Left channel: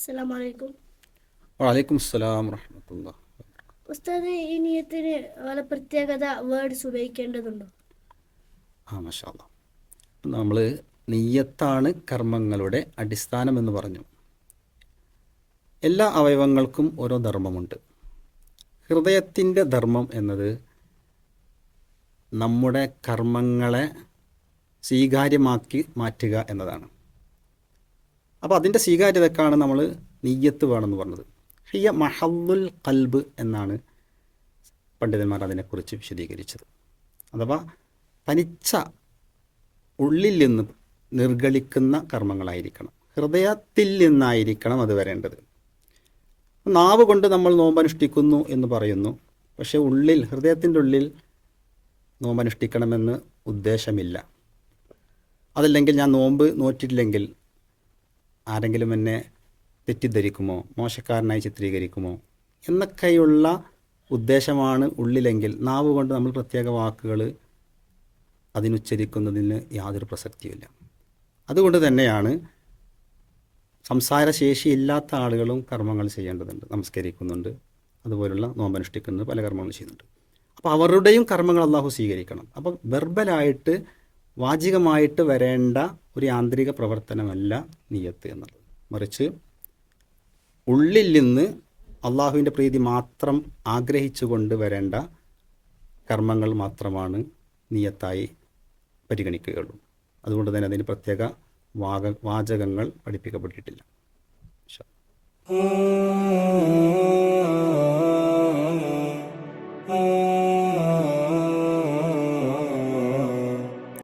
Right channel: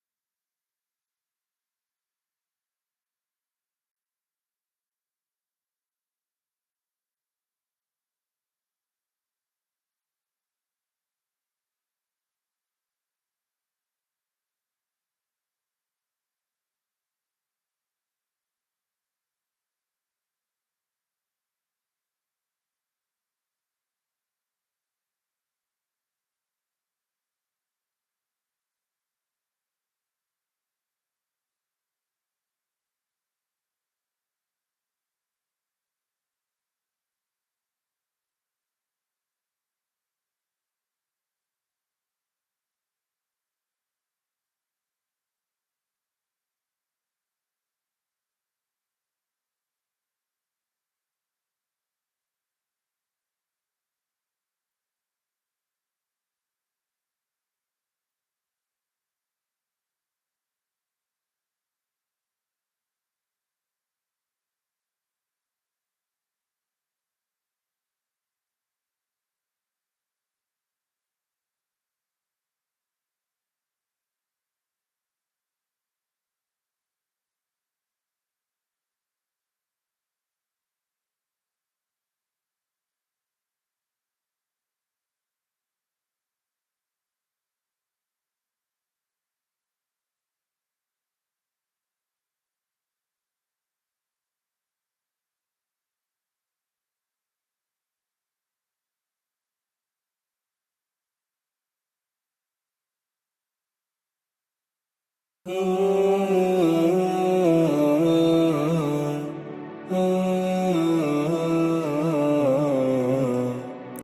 അസ്സലാമു അലൈക്കും. വലൈക്കും അസ്സലാം വറഹ്മത്തുള്ളാഹി. ഉസ്താദ്, ഈ നിയത്തിന് വല്ല പ്രത്യേകത വേർഡ്സ് ഉപയോഗിക്കേണ്ടതുണ്ടോ? മാഷാ അല്ലാ. നമ്മൾ നിയ്യത്താണ് കർമ്മങ്ങളുടെ അടിസ്ഥാനം എന്ന് പറഞ്ഞു. എല്ലാ അവയവങ്ങൾക്കും ഓരോ ധർമ്മമുണ്ട്. ഹൃദയത്തിൻ്റെ ധർമ്മം എന്നത് നമ്മുടെ കർമ്മങ്ങളെ സ്വീകാര്യമാക്കി മാറ്റുക എന്നതാണ്. അപ്പോൾ അതിൻ്റെ സ്വീകാര്യതക്കാണ് നമ്മൾ നിയ്യത്ത് വേണമെന്ന് പറഞ്ഞത്. ഹിയ മഹല്ലുൽ ഖൽബ് എന്നാണ് പണ്ഡിതന്മാർ അതിനെക്കുറിച്ച് വിശദീകരിച്ചത്. അഥവാ തനിച്ച ഉള്ളിൽ നിന്ന് നിർഗളിക്കുന്ന കർമ്മങ്ങളായിരിക്കണം, ഹൃദയത്തിൽ നിന്നായിരിക്കണം അത് വരേണ്ടത്. നാവ് കൊണ്ട് നമ്മൾ നോമ്പനുഷ്ഠിക്കുന്നു എന്ന് പറയുന്നു, പക്ഷേ ഉള്ളിൽ, ഹൃദയത്തിൻ്റെ ഉള്ളിൽ നോമ്പനുഷ്ഠിക്കണമെന്ന് ഉദ്ദേശമില്ല. അതല്ലെങ്കിൽ ഞാൻ നോമ്പ് നോറ്റിട്ടില്ലെങ്കിൽ ആരെങ്കിലും എന്നെ തെറ്റിദ്ധരിക്കുമോ, മോശക്കാരനായി ചിത്രീകരിക്കുമോ എന്നൊക്കെയുള്ള ഉദ്ദേശമാണ് ഉള്ളിലെങ്കിൽ നാവ് കൊണ്ട് നമ്മൾ പ്രത്യേക വാക്കുകൾ അതിനുച്ചരിക്കുന്നതിന് യാതൊരു പ്രസക്തിയുമില്ല. അതുകൊണ്ട് തന്നെയാണ് സംസാരശേഷിയില്ലാത്ത ആളുകളും കർമ്മങ്ങൾ ചെയ്യേണ്ടതുണ്ട്. നമസ്കരിക്കുന്നുണ്ട്, അതുപോലുള്ള നോമ്പനുഷ്ഠിക്കുന്നത്, പല കർമ്മങ്ങളും ചെയ്യുന്നുണ്ട്. അപ്പോൾ അവരുടെയും കർമ്മങ്ങൾ അള്ളാഹു സ്വീകരിക്കണം. അപ്പം വെർബലായിട്ട് വാചികമായിട്ട് വരേണ്ട ഒരു യാന്ത്രിക പ്രവർത്തനമല്ല നിയ്യത്ത് എന്നുള്ളത്. മറിച്ച് ഉള്ളിൽ നിന്ന് അള്ളാഹുവിൻ്റെ പ്രീതി മാത്രം ആഗ്രഹിച്ചുകൊണ്ട് വരേണ്ട കർമ്മങ്ങൾ മാത്രമാണ് നിയ്യത്തായി പരിഗണിക്കുകയുള്ളൂ. അതുകൊണ്ട് തന്നെ അതിന് പ്രത്യേക വാചകങ്ങൾ പഠിപ്പിക്കപ്പെട്ടിട്ടില്ല. ഇൻഷാ അല്ലാഹ്.